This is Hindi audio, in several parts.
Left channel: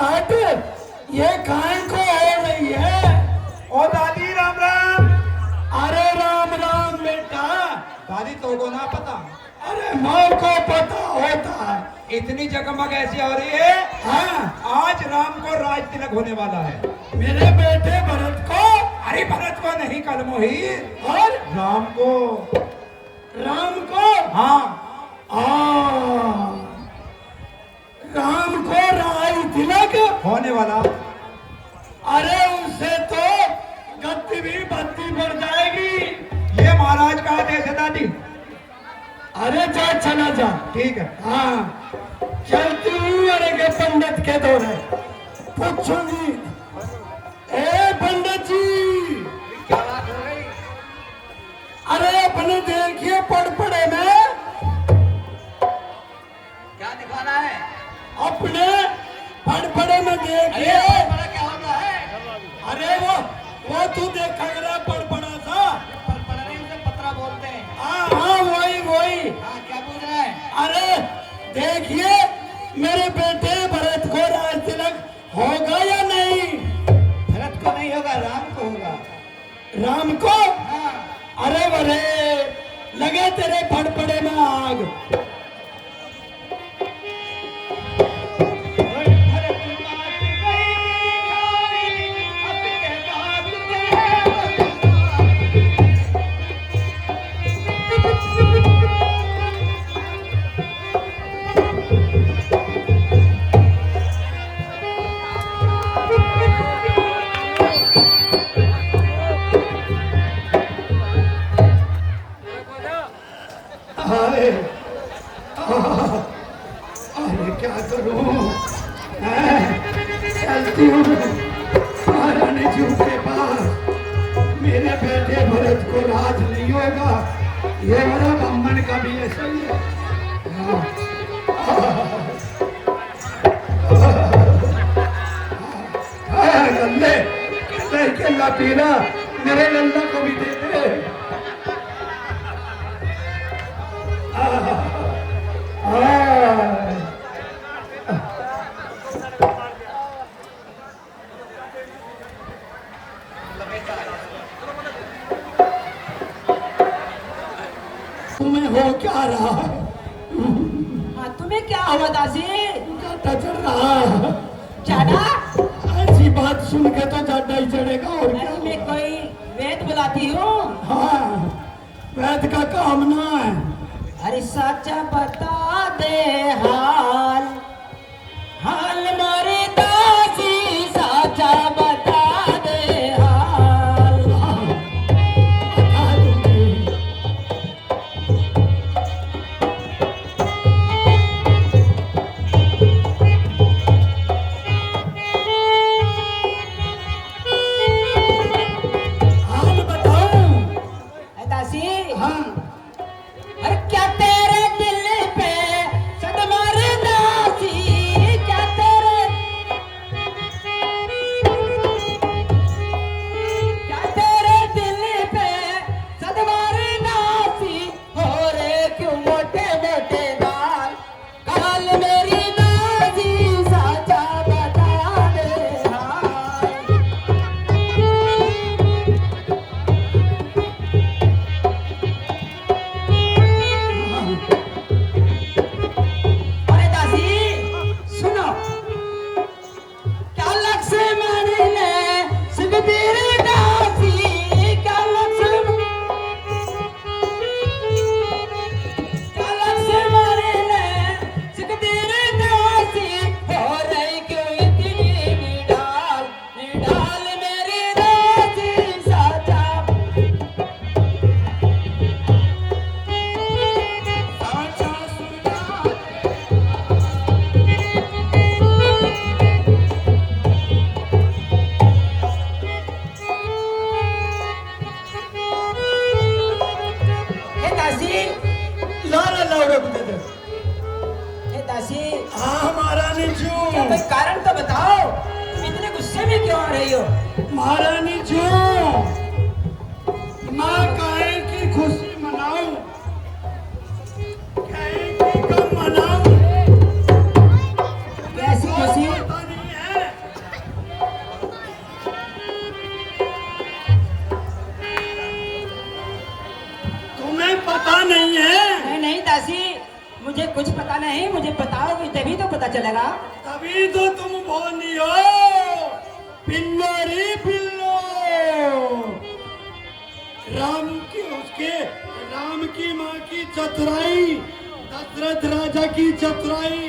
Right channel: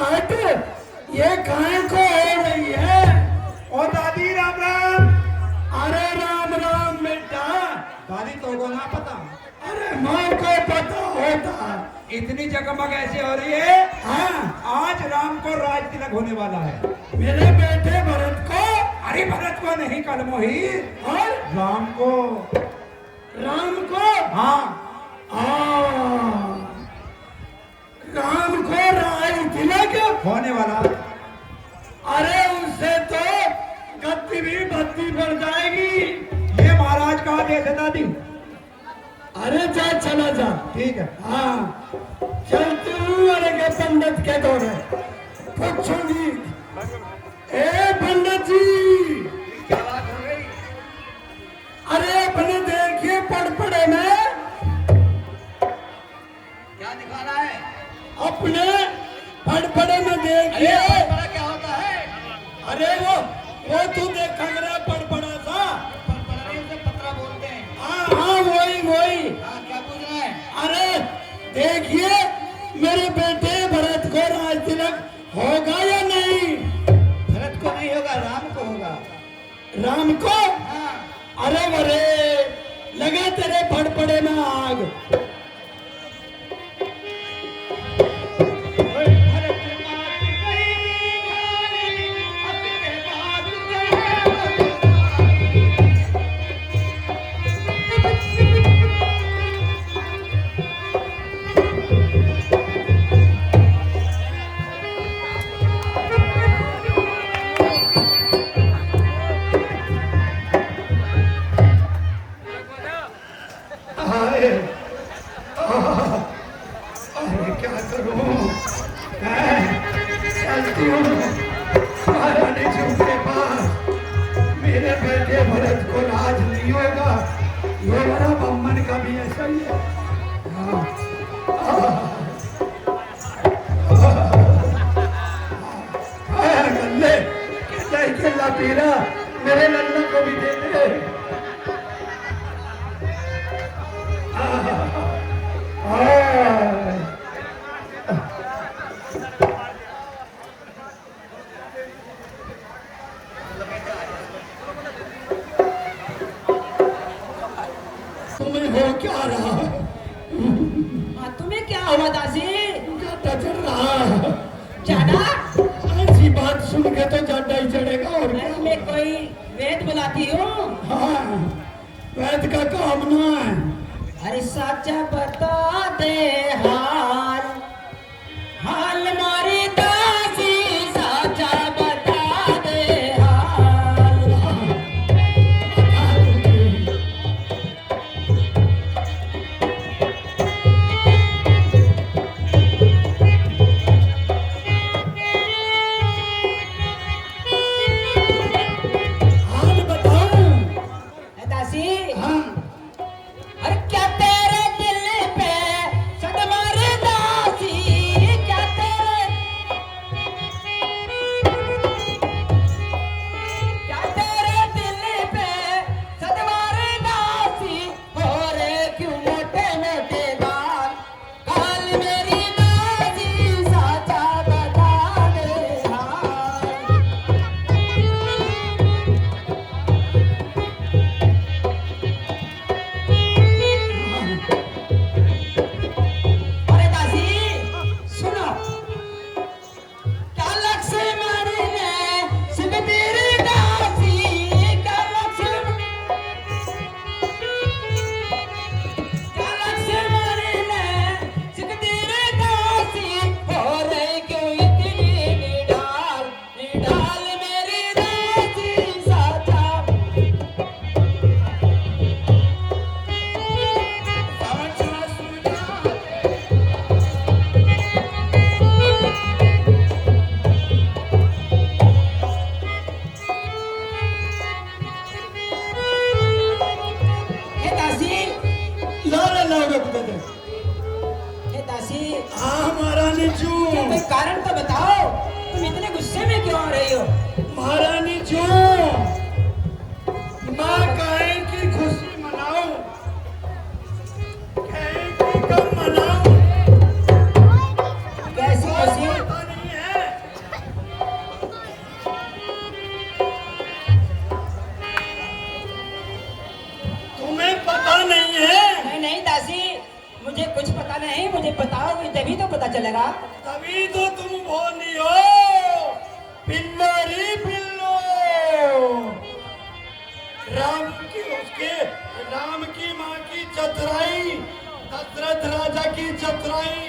हट, ये काय को हो रही है? ओ दादी राम राम। अरे राम राम बेटा। दादी तो को ना पता? अरे माँ को पता होता। इतनी जगमग ऐसी हो रही है। हाँ, आज राम को राज तिलक होने वाला है। मेरे बेटे भरत को। अरे भरत को नहीं, कल मोही और राम को। राम को। हाँ राम को राज तिलक होने वाला। अरे उससे तो गद्दी भी भद्दी पड़ जाएगी। ये महाराज का आदेश है दादी। अरे जा, चला जा। ठीक है। हाँ, चलती हूँ। अरे के पंडित के दौरे पूछूंगी। ए पंडित जी, क्या बात हो गई? अरे अपने देखिए पड़पड़े में क्या दिखाना है? अपने पड़पड़े में देखिए। बड़ा क्या होता है? अरे वो तू देखा करा पड़पड़ा सा। पत्रा बोलते हैं। हाँ, वही। हाँ, क्या पूछ रहा है? अरे देखिए, मेरे बेटे भरत को राज तिलक होगा या नहीं? भरत को नहीं होगा, राम को होगा। राम को? हाँ। अरे वरे, लगे तेरे फड़फड़े में आग। अरे क्या करूं? चलती हूँ महारानी जी के पास। मेरे बेटे भरत को राज नहीं होगा। ये मेरा ब्राह्मण का भी ऐसा ही है। लल्ले केला पी रहा, मेरे लल्ला को भी दे दे। तुम्हें हो क्या रहा? हाँ, तुम्हें क्या हुआ दासी? जाटा चढ़ रहा। जाना? ऐसी बात सुन के तो जाटा ही चढ़ेगा और क्या? मैं कोई वेद बुलाती हूँ। हाँ, वैद का काम ना है। अरे सच्चा बता दे हाल, हाल मारे दासी, सच्चा बता दे हाल। बता दूंगी। हाल बताऊं? दासी, हाँ, अरे क्या तेरे दिल पे सदमा रे दासी, क्या तेरे दिल पे सदमा रे दासी, हो रे क्यों मोटे मोटे गाल, गाल मेरी दासी, साचा बता दे हाल। अरे दासी, सुनो, क्या लक्ष्मण ने सुखबीर दासी, क्या लक्ष्मण ने सुखबीर दासी, हो रही क्यों इतनी निढाल, निढाल मेरी दासी, साचा हे दासी, लाला लाओ दे दे। हे दासी, हाँ महारानी जू, कोई कारण तो बताओ, तुम इतने गुस्से में क्यों आ रही हो? महारानी जू, माँ काहे की खुशी मनाऊं, काहे की गम मनाऊं? कैसी खुशी? पता नहीं है। चलेगा? तभी तो तुम बोली हो पिल्लो रे पिल्लो। राम की माँ की चतुराई, दशरथ राजा की चतुराई,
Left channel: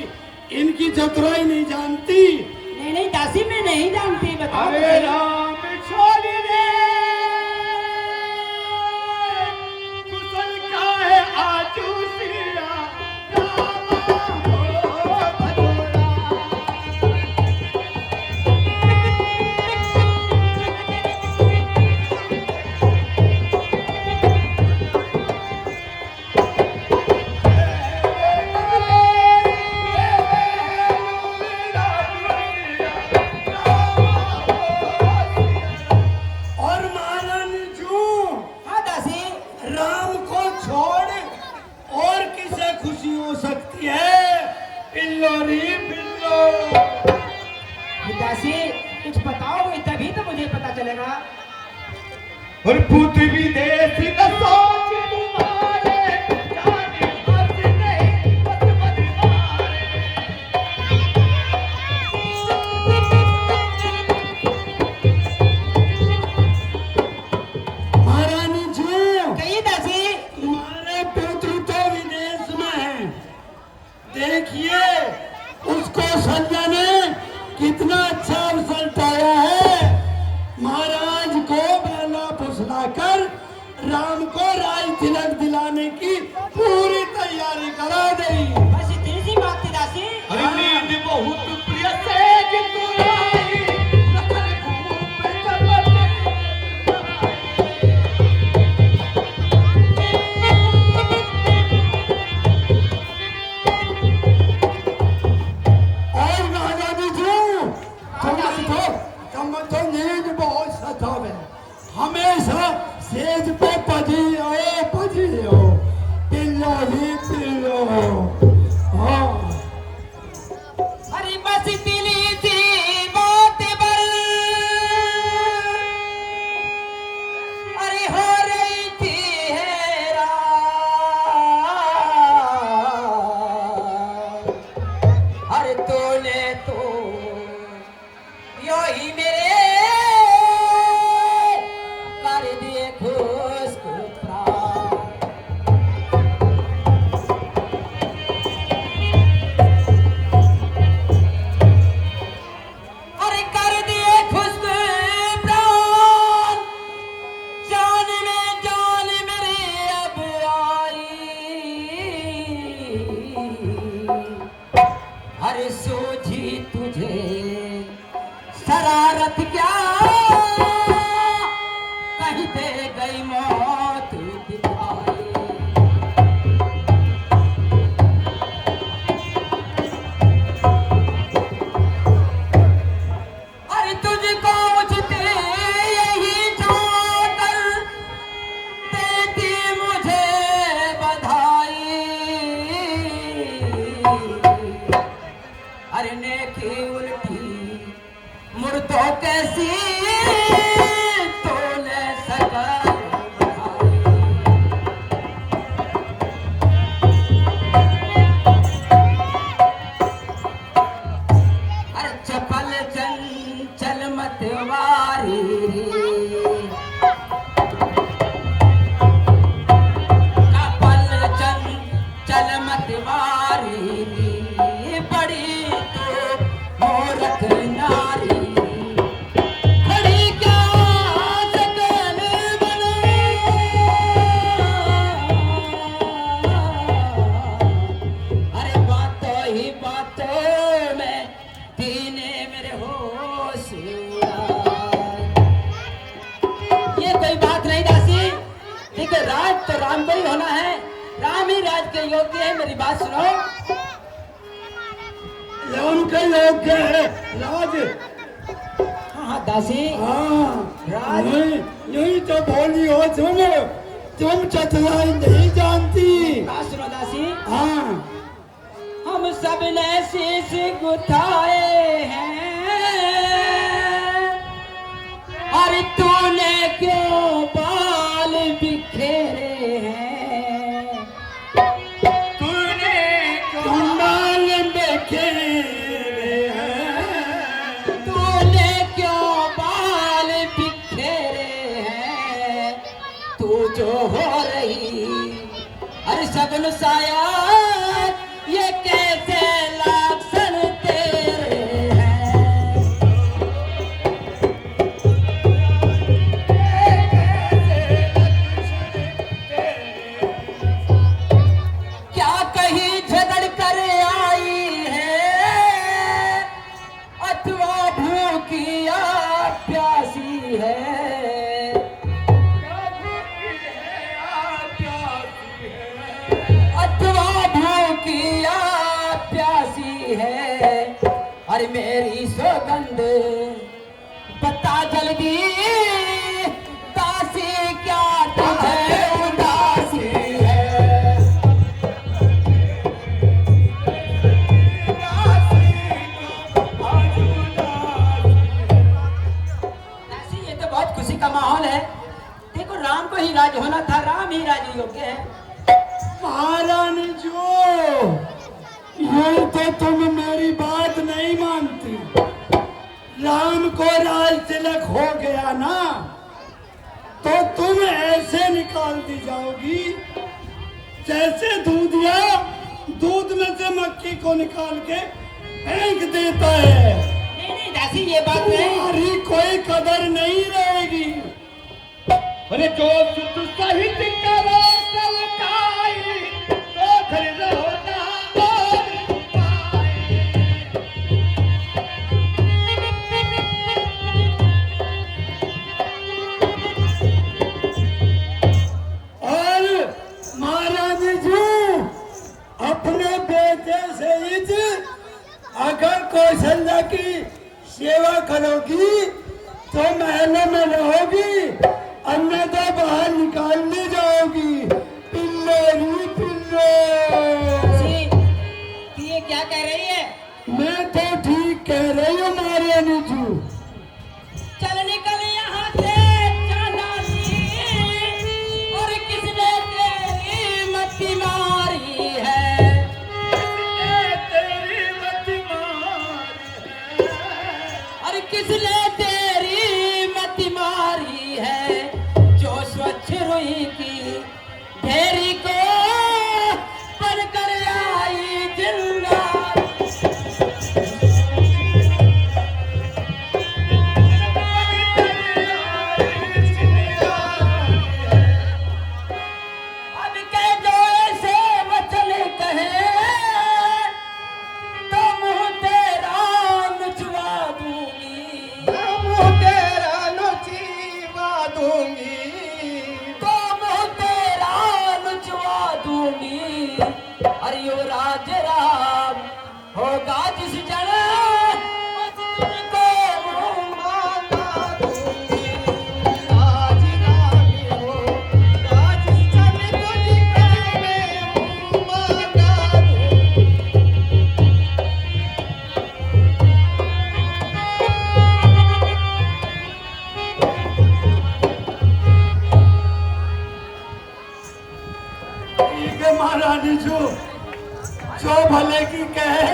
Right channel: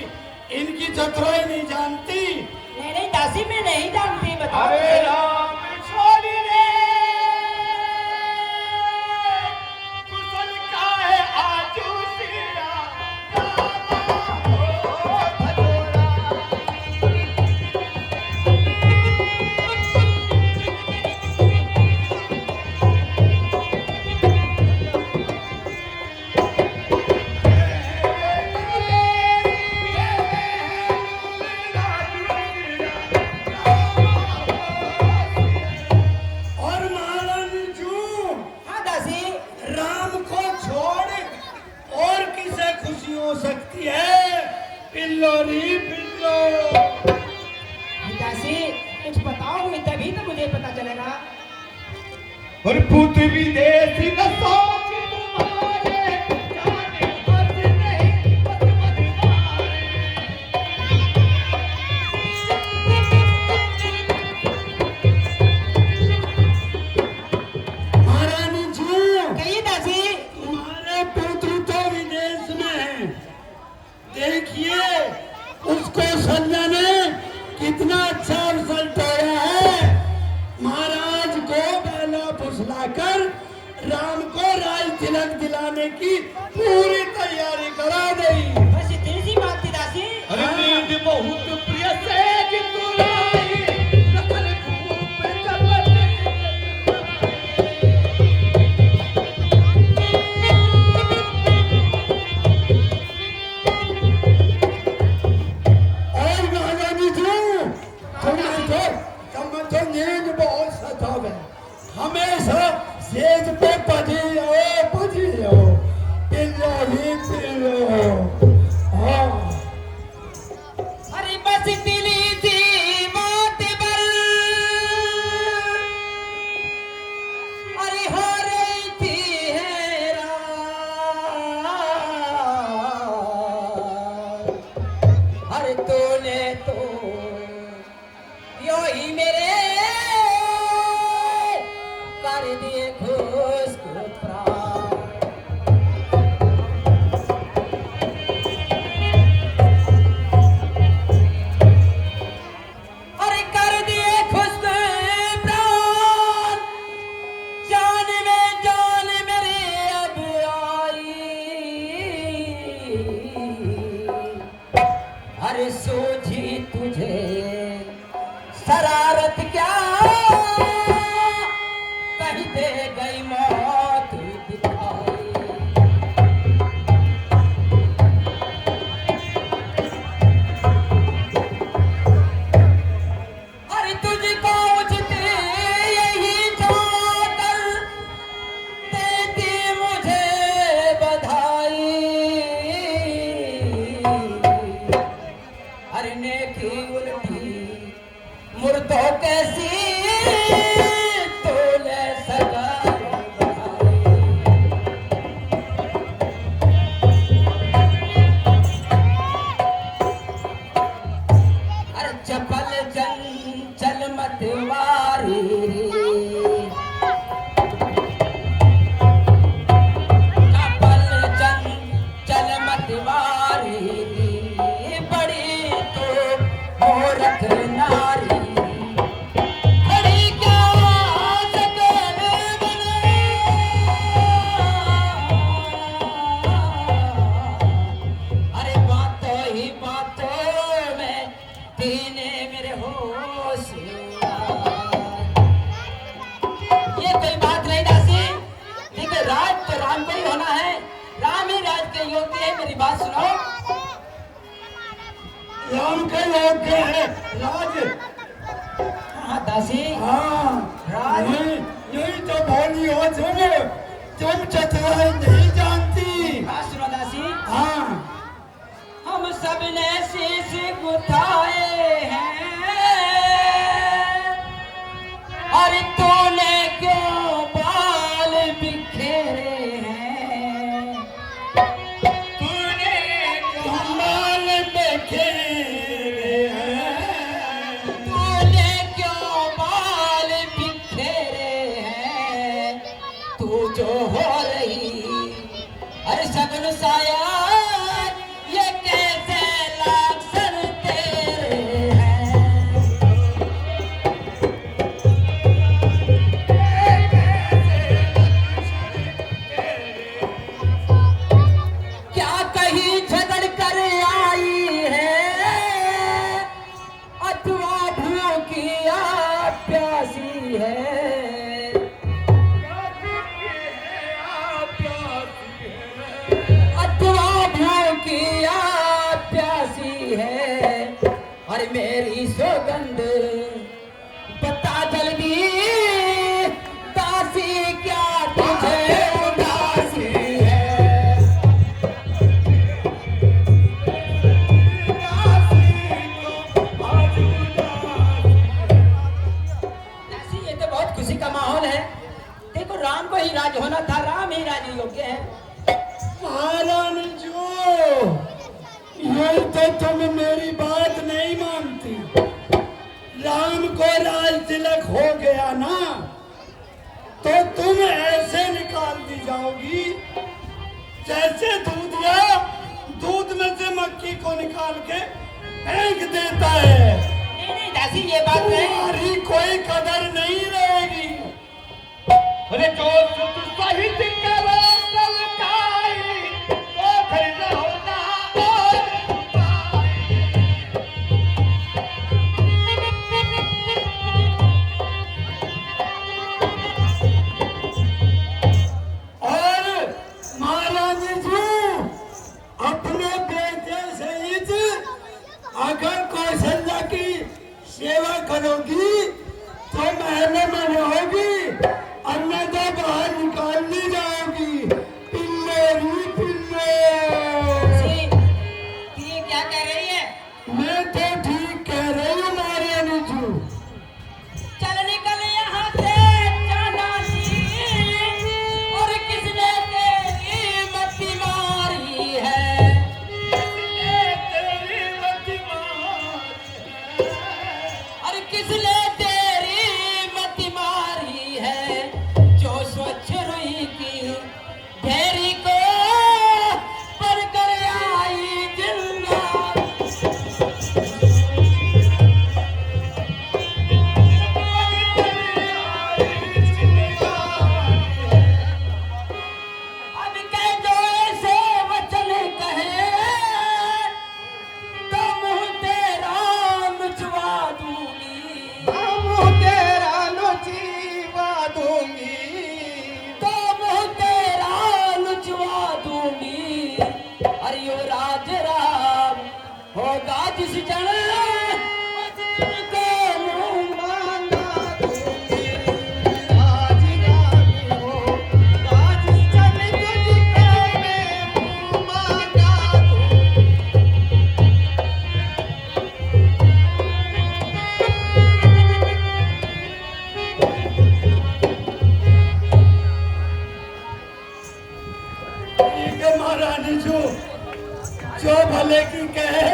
इनकी चतुराई नहीं जानती? नहीं नहीं दासी, मैं नहीं जानती, बताओ। अरे राम छोड़ दे, कुशल का है आजू सिया, रामा हो भजोरा। और महारानी जू, हाँ दासी। राम को छोड़ और किसे खुशी हो सकती है? पिल्लो रे पिल्लो। दासी कुछ बताओगे तभी तो मुझे पता चलेगा। और पृथ्वी देश न सोच तुम्हारे, जाने बस नहीं बस बदमारे। महारानी जी, कहिए दासी। तुम्हारे पुत्र तो विदेश में है। देखिए उसको संजय ने कितना अच्छा अवसर पाया है। महाराज को बेला फुसलाकर राम को राज तिलक दिलाने की पूरी तैयारी करा दी। बस इतनी सी बात थी दासी। नींद बहुत प्रिय सेज तुलाई, रखल खूब चलत। और महारानी जी, तुमको नींद बहुत सतावे, हमेशा सेज पे पड़ी हो, पिल्लो ही पिल्लो। हाँ अरे बस इतनी सी बात पर अरे हो रही थी हैरान। अरे तूने तो यो ही मेरे कर दिए खुश को प्राण। अरे कर दिए खुश प्राण, जान में जान मेरे अब आई। अरे सोची तुझे शरारत क्या, कहीं दे गई मौत दिखाई। अरे तुझको मुझसे यही जाकर देती मुझे बधाई। अरे नेकी उल्टी मुर्दों कैसी तूने सजा बढ़ाई। अरे चपल चंचल मतवारी, चपल चंचल मतवारी, बड़ी तो मूर्ख नारी। खड़ी क्या सकल बने, अरे बातों ही बातों में दीने मेरे होश उड़ाए। ये कोई बात नहीं दासी। देखिए राज तो राम को ही होना है, राम ही राज के योग्य है। मेरी बात सुनो। राम के योग्य है राज। हाँ हाँ दासी। हाँ राज। यही तो बोली हो तुम चतुराई नहीं जानती। बात सुनो दासी। हाँ हम सब ने शीश गुथाए हैं, और तूने क्यों बाल बिखेरे हैं। तूने कमाल देखे है, अथवा भूखिया प्यासी है। अरे मेरी सौगंध बता जल्दी, दासी क्या तुझे उदासी है? दासी, ये तो बहुत खुशी का माहौल है। देखो, राम को ही राज होना था, राम ही राज योग्य है। महारानी जो, ये तो तुम मेरी बात नहीं मानती। राम को राज तिलक हो गया ना, तो तुम ऐसे निकाल दी जाओगी जैसे दूधिया दूध में से मक्खी को निकाल के फेंक देता है। नहीं नहीं दासी, ये बात नहीं। तुम्हारी कोई कदर नहीं रहेगी। अरे जो सुत सहित करो सलकाई, तो फिर होता और उपाय। और महारानी जी, अपने बेटे से हित अगर कौशल्या की सेवा करोगी तो महल में रहोगी, अन्यथा बाहर निकाल दी जाओगी। पिल्लोरी पिल्लो। दासी, ये क्या कह रही है? मैं तो ठीक कह रही हूँ महारानी जी। चल निकल यहाँ से चांडाली, और किसने तेरी मति मारी है? तेरी मति मारी है। अरे किसने तेरी मति मारी है? जो स्वच्छ रुई की ढेरी को पर कर आई जिंदा। अब कह जो ऐसे वचन कहे, तो मुँह तेरा नुचवा दूंगी। मुँह तेरा नुचवा दूंगी। तो मुँह तेरा नुचवा दूंगी। अरे यो राज राम होगा जिस जन, उस तुझको मुँह मांगा दूंगी। आज रानी हो, आज सन तुझको मैं मांगा दूं। ठीक है महारानी जी, जो भले की कहे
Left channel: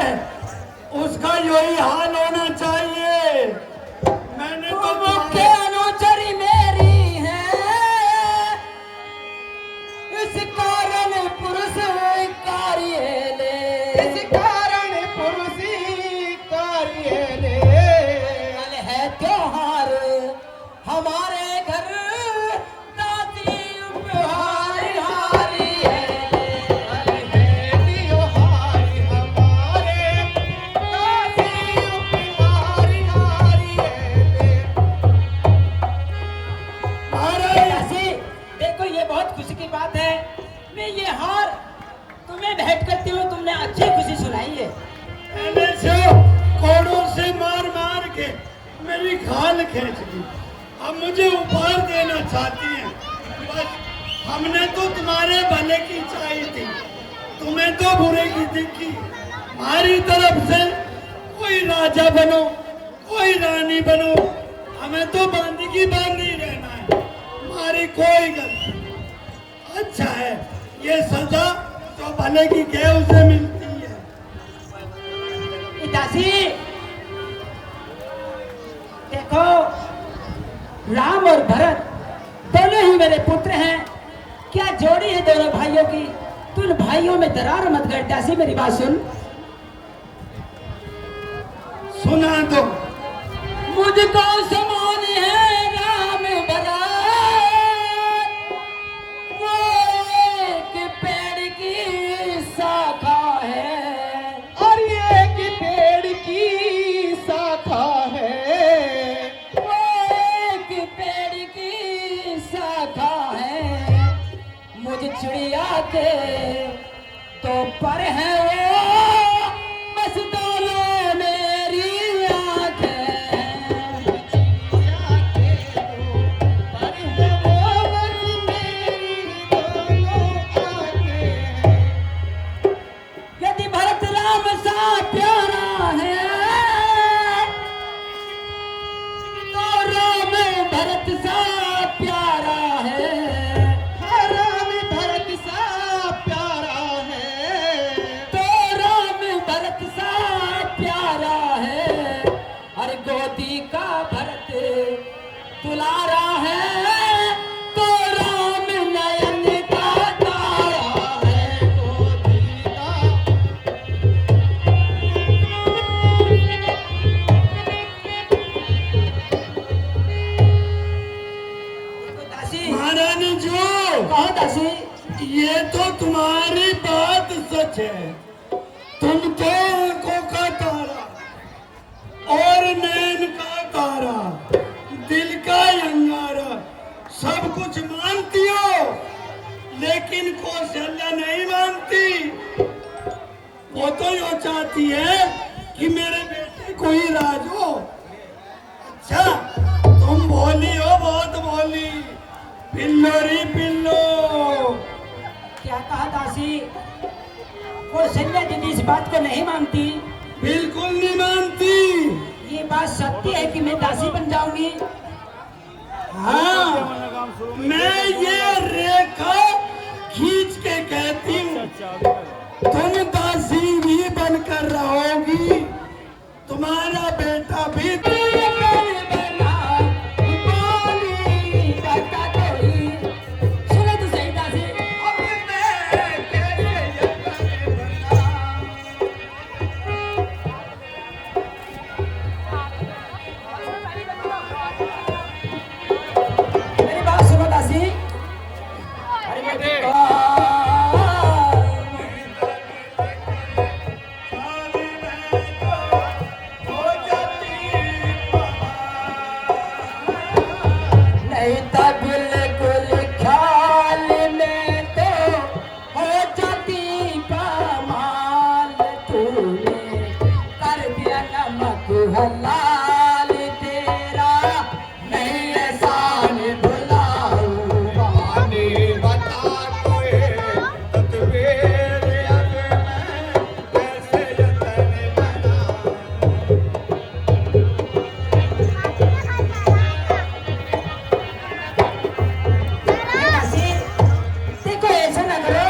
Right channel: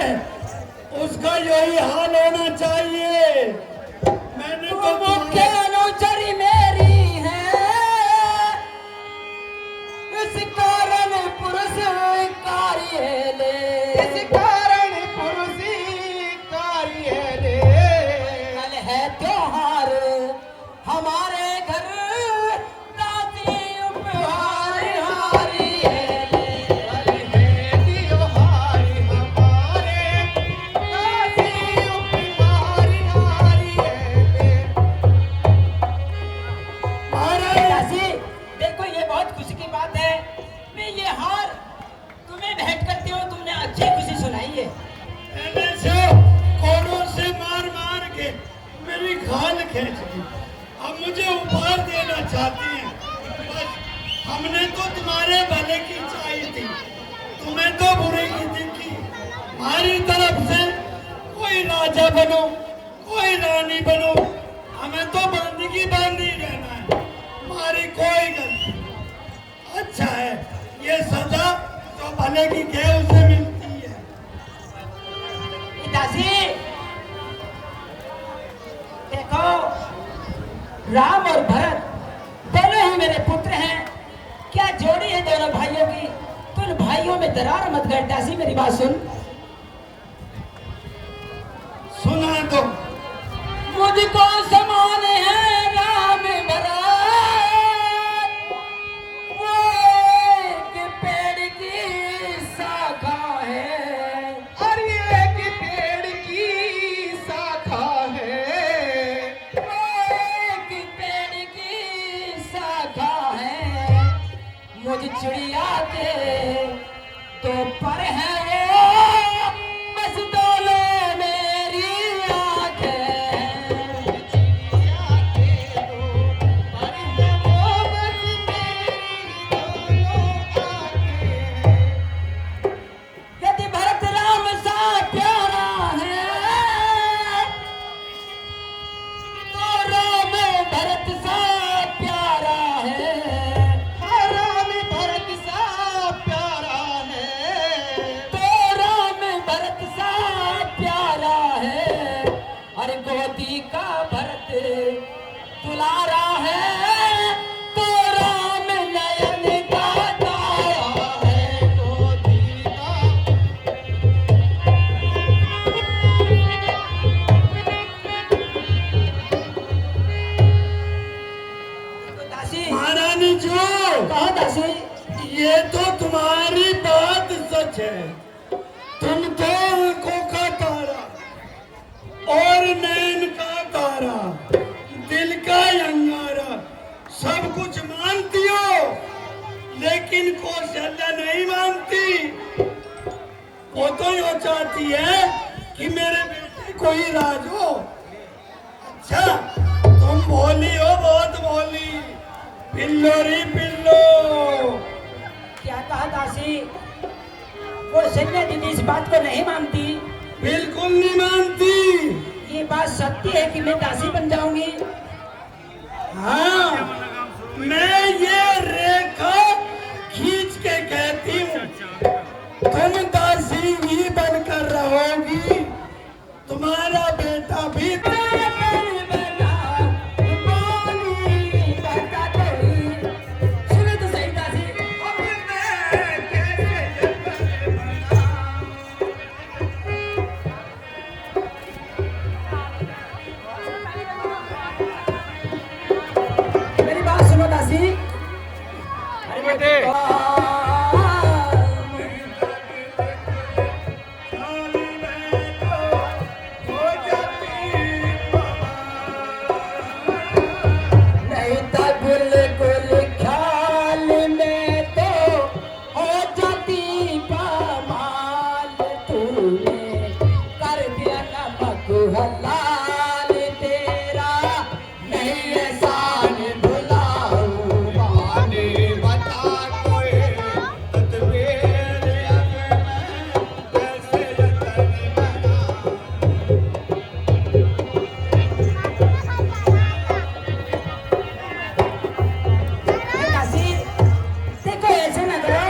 उसका यही हाल होना चाहिए। मैंने तो मुख्य अनुचरी मेरी है, इस कारण पुरुष कार्य ले। इस कारण पुरुषी कार्य ले। कल है त्योहार हमारे घर, दादी उपहार हारी है। दासी, देखो, ये बहुत खुशी की बात है। मैं ये हार तुम्हें भेंट करती हूँ, तुमने अच्छी खुशी सुनाई है। पहले से कोड़ों से मार मार के मेरी खाल खींच ली, अब मुझे उपहार देना चाहती हैं। बस हमने तो तुम्हारे भले की चाहिए थी, तुम्हें तो बुरे की दिखी। हमारी तरफ से कोई राजा बनो, कोई रानी बनो, हमें तो बंदगी बांधी रहना है। हमारी कोई गलती। अच्छा है, ये सजा तो भले की कह उसे मिलती है। दासी, देखो, राम और भरत दोनों ही मेरे पुत्र हैं। क्या जोड़ी है दोनों भाइयों की? तू इन भाइयों में दरार मत कर। दासी, मेरी बात सुन। सुना दो। मुझको समान है राम भरत, वो एक पेड़ की शाखा है। और ये एक पेड़ की शाखा है। वो एक जी का भरत दुलारा है, तो राम नयन का तारा है, तो सीता दासी महारानी जो कहा दासी ये तो तुम्हारी बात सच है। तुम तो आंखों का तारा और नैन का तारा, दिल का अंगारा सब कुछ मानती हो, लेकिन कौशल्या नहीं मानती। वो तो यो चाहती है कि मेरे बेटे को ही राज हो। अच्छा, तुम भोली हो, बहुत भोली, पिल्लो री पिल्लो। क्या कहा दासी? वो संजय दीदी इस बात को नहीं मानती। बिल्कुल नहीं मानती। ये बात सत्य है कि मैं दासी बन जाऊंगी? हाँ, मैं ये रेखा खींच के कहती हूँ, तुम दासी भी बनकर रहोगी, तुम्हारा बेटा भी। सुनो तो सही दासी। मेरी बात सुनो दासी। अरे बेटे नहीं था बिल्कुल ख्याल में तो हो जाती कमाल, तूने कर दिया नमक हलाल, तेरा नहीं एहसान भुलाऊंगा। आने बता कोई तत्वेर अब मैं कैसे यतन बना। दासी देखो ऐसे ना करो।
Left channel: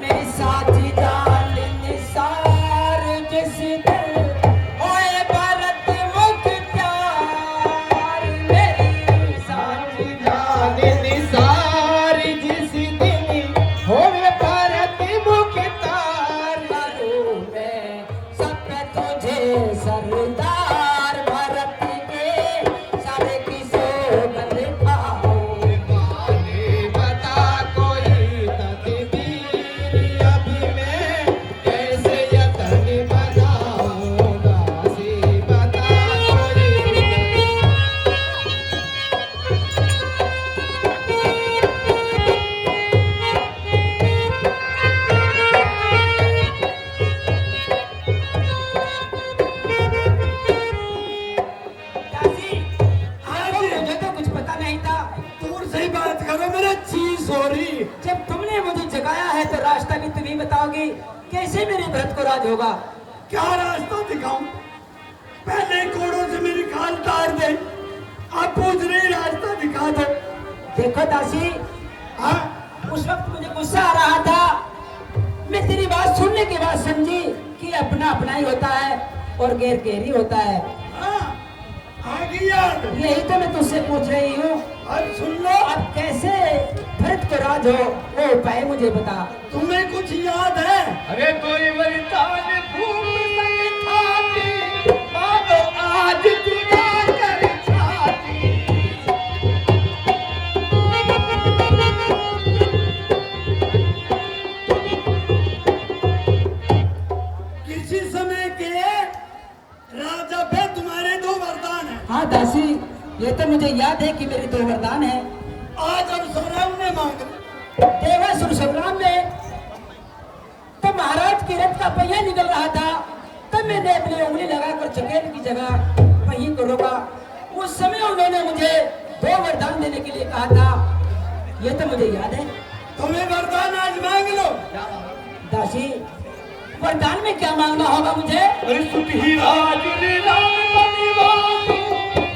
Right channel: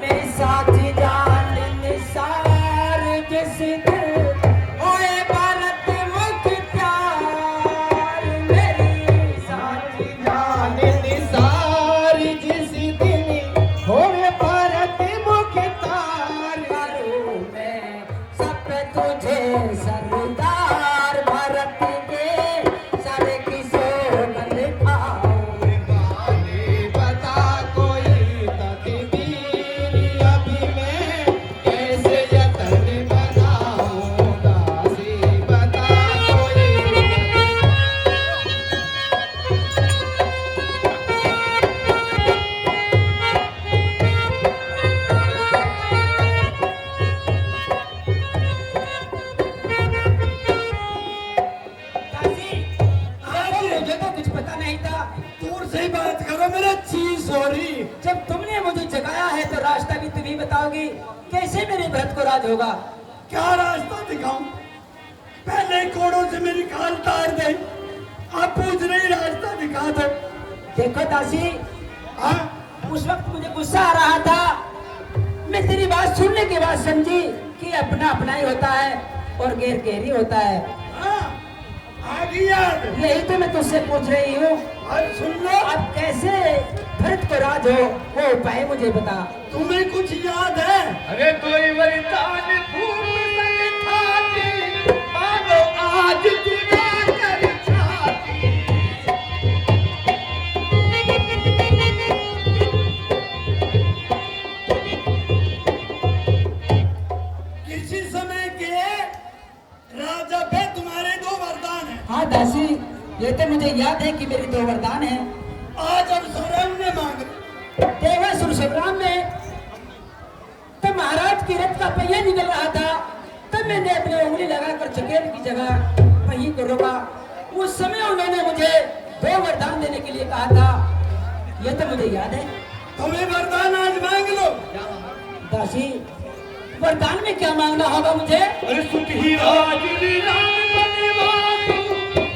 मेरी साथी जान निसार जिस दिन ओए भारत मुख्तार, मेरी साथी जान जाने निसार जिस दिन होवे भारत मुख्तार। करूं मैं सब पे तुझे सरदार, भारत के सारे किशोर बंधाऊं। आने बता कोई तकदीर अब मैं कैसे यतन बनाऊं। दासी बता कोई दासी देखो, मुझे तो कुछ पता नहीं था। दूर से ही बात करो, मेरा चीज हो रही। जब तुमने मुझे जगाया है तो रास्ता भी तुम ही बताओगी। कैसे मेरे भरत को राज होगा? क्या रास्ता दिखाऊं? पहले कोड़ों से मेरी खाल तार दे, अब पूछ रही रास्ता दिखा दो। देखो दासी, हाँ, उस वक्त मुझे गुस्सा आ रहा था। मैं तेरी बात सुनने के बाद समझी कि अपना अपना ही होता है और गैर गैर ही होता है। हाँ, आ गई याद। यही तो मैं तुझसे पूछ रही हूँ। अब सुन लो, अब कैसे भरत को राज हो, वो उपाय मुझे बता। तुम्हें कुछ याद है? अरे कोई वरदान भूप संग खाती, मानो आज खुदा कर छाती। किसी समय के राजा पे तुम्हारे दो वरदान हैं। हाँ दासी, ये तो मुझे याद है कि मेरी दो वरदान है। आज अब सौरभ ने मांगे। देवासुर संग्राम में तो महाराज की रथ का पहिया निकल रहा था, तब मैंने अपनी उंगली लगाकर चकेर की जगह पहिए को रोका। उस समय उन्होंने मुझे दो वरदान देने के लिए कहा था। ये तो मुझे याद है। तुम्हें वरदान आज मांग लो। दासी, वरदान में क्या मांगना होगा मुझे? अरे सुत ही राज लीला बनिवासु,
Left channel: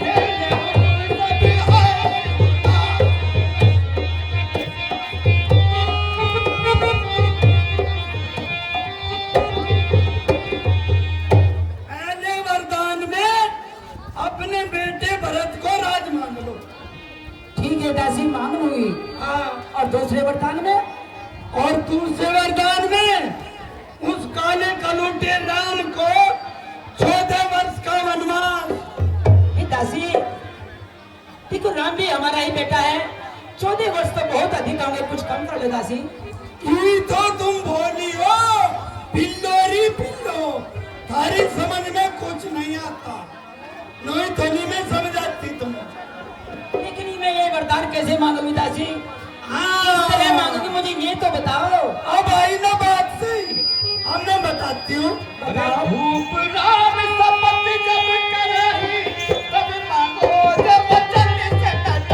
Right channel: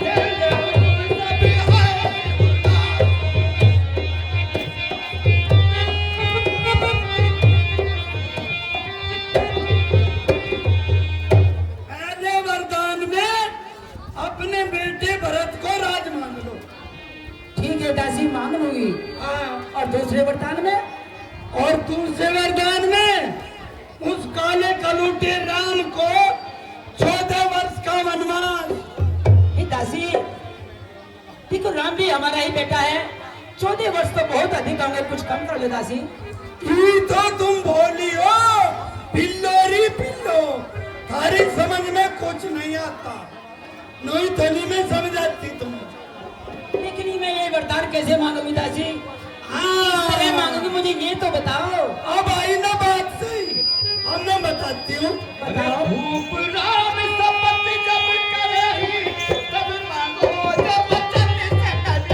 जय जय हो सब हाय उदास। पहले वरदान में दासी मांग लूंगी। हाँ, और दूसरे वरदान में? और दूसरे वरदान में उस काले कलूटे राम को 14 वर्ष का वनवास। हे दासी, देखो राम भी हमारा ही बेटा है, 14 वर्ष तो बहुत अधिक होंगे, कुछ कम कर लो दासी। ये तो तुम बोली हो पिल्लोरी पिल्लो, थारी समझ में कुछ नहीं आता, नोई थोली में समझ आती तुम्हें। लेकिन मैं ये वरदान कैसे मांगूंगी दासी? हाँ, मांगूंगी, मुझे ये तो बताओ। अब आई ना बात सही, अब मैं बताती हूँ। बताओ। भूप राम शपथ जब करही, तब मांगो जब वचन सकल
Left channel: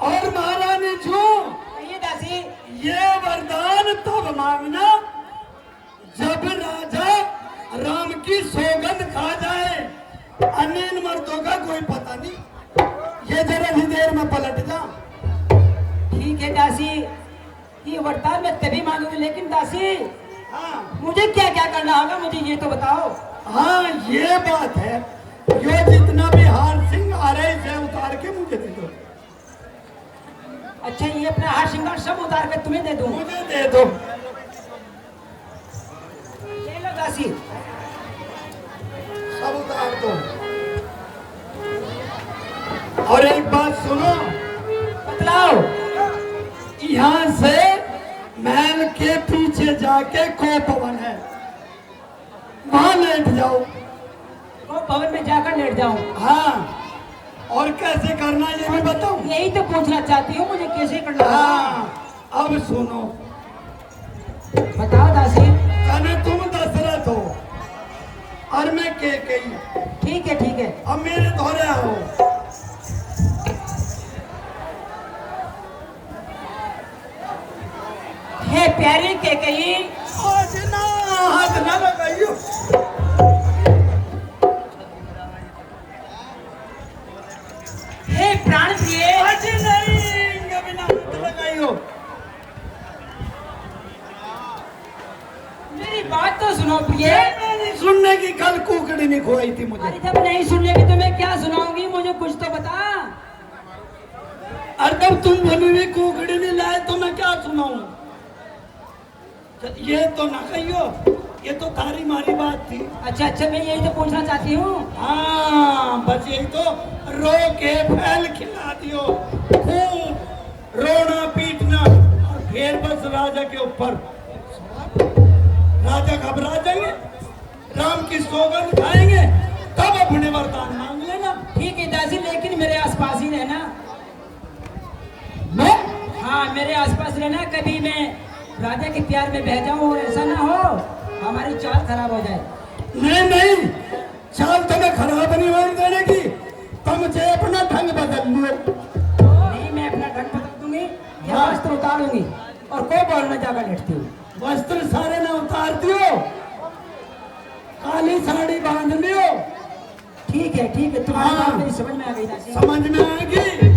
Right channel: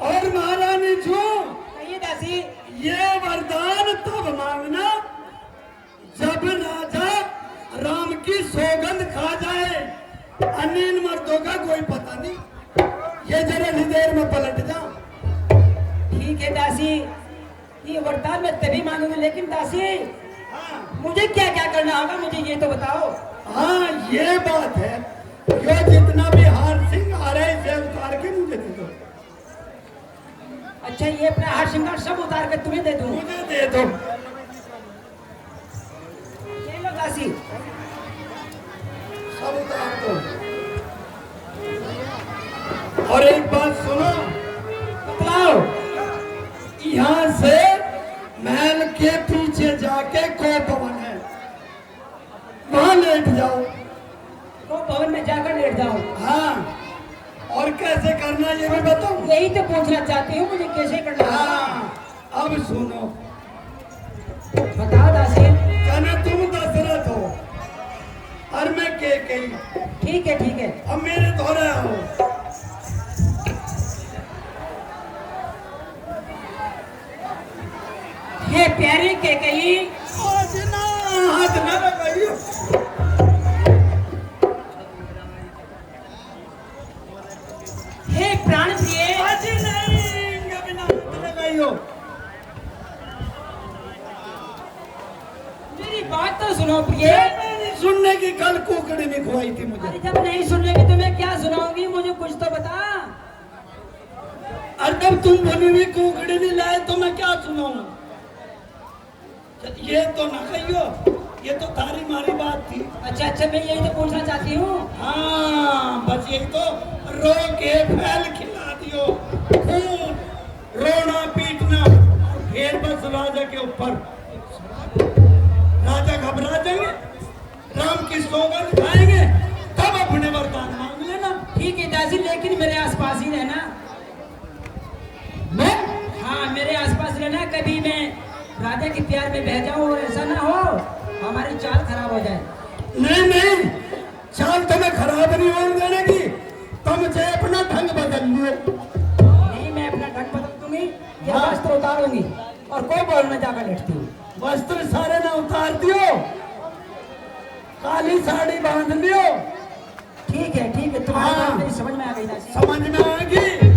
और महारानी जो कहिए दासी। ये वरदान तब मांगना जब राजा राम की सौगंध खा जाए, अन्य इन मर्दों का कोई पता नहीं, ये जरा सी देर में पलट जा। ठीक है दासी, ये वरदान मैं तभी मांगूंगी, लेकिन दासी हाँ मुझे क्या क्या करना होगा, मुझे ये तो बताओ। हाँ, ये बात है, ये जितना भी हार सिंह आ रहे इसे उतार के मुझे दे दो। अच्छा, ये अपना हार श्रृंगार सब उतार कर तुम्हें दे दूं? मुझे दे दो। ले लो दासी। सब उतार दो। और एक बात सुनो, बतलाओ। यहाँ से महल के पीछे जाके को भवन है, वहां लेट जाओ। तो भवन में जाकर लेट जाऊं? हाँ, और कैसे करना ये भी बताऊं? यही तो पूछना चाहती हूँ, मुझे कैसे करना होगा? हाँ, अब सुनो, बताओ दासी। जाने तुम दशरथ हो और मैं कैकेयी। ठीक है ठीक है। अब मेरे धोरे आओ। ये प्यारे कैकेयी, आज ना हाथ ना लगाइयो। हे प्राण प्रिय, आज नहीं, कभी ना हाथ लगाइयो। मेरी बात तो सुनो प्रिय। ये मैंने सुनने की कल कुकड़ी नहीं खुआई थी मुझे। अरे जब नहीं सुनेगी तो मैं क्या सुनाऊंगी, मुझे कुछ तो बता। और जब तुम बनी हुई कुकड़ी नहीं लाए तो मैं क्या सुनाऊं? ये तो ना कहियो, ये तो थारी मारी बात थी। अच्छा अच्छा, मैं यही तो पूछना चाहती हूँ। हाँ, बस यही तो, रो के फैल खिला दियो, खूब रोना पीटना, और फिर बस राजा के ऊपर। राजा घबरा जाएंगे, राम की सौगंध खाएंगे, तब अपने वरदान मांग लेना। ठीक है दासी, लेकिन मेरे आसपास ही रहना। मैं हाँ, मेरे आसपास रहना, कभी मैं राजा के प्यार में बह जाऊं, ऐसा ना हो हमारी चाल खराब हो जाए। नहीं नहीं, चाल तुम्हें खराब नहीं होने देने की, तुम मुझे अपना ढंग बदल लियो। नहीं, मैं अपना ढंग बदल दूंगी, ये हाँ। वस्त्र उतारूंगी और कोई बोलने जाकर लेटती हूँ। वस्त्र सारे ना उतार दियो, काली साड़ी बांध लियो। ठीक है, तुम्हारी हाँ। बात मेरी समझ में आ गई दासी। समझ में आएगी।